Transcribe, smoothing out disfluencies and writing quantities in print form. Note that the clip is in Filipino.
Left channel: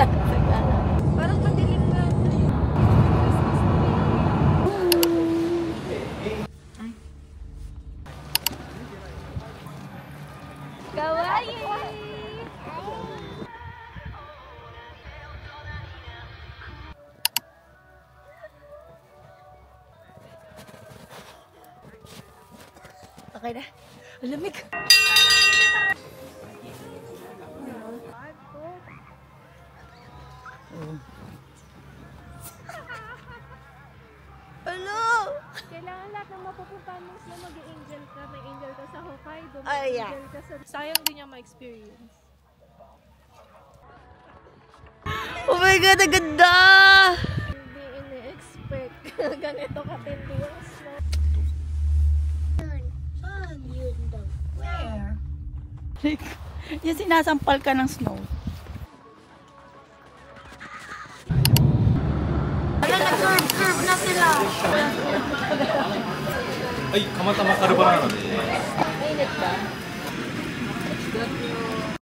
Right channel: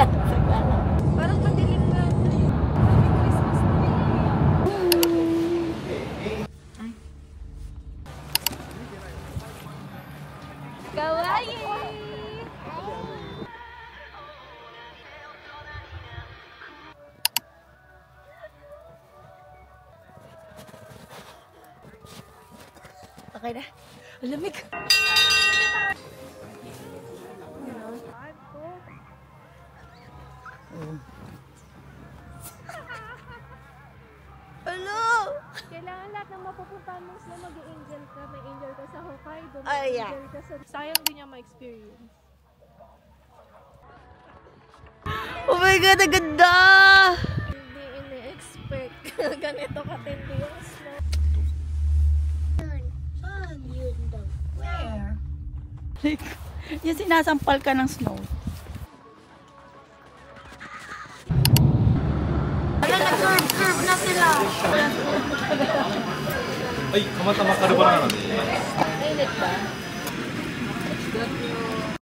Parang madilim nga. Kawaii! Okay na. Malamig. Hello! Kailangan lahat ng mapupuntahan mo sila mag-i-angel ka. May angel ka sa Hokkaido. Ay, yeah. Angel ka sa... Sayang din niya ma-experience. Oh my God, ang ganda! Hindi ina-expect. Ganito katindi yung snow. Saan yun daw? Where? Like, yung sinasampal ka ng snow. Wala, nag-curve na sila. Ay, kamatama ka na ba? Mainit ba?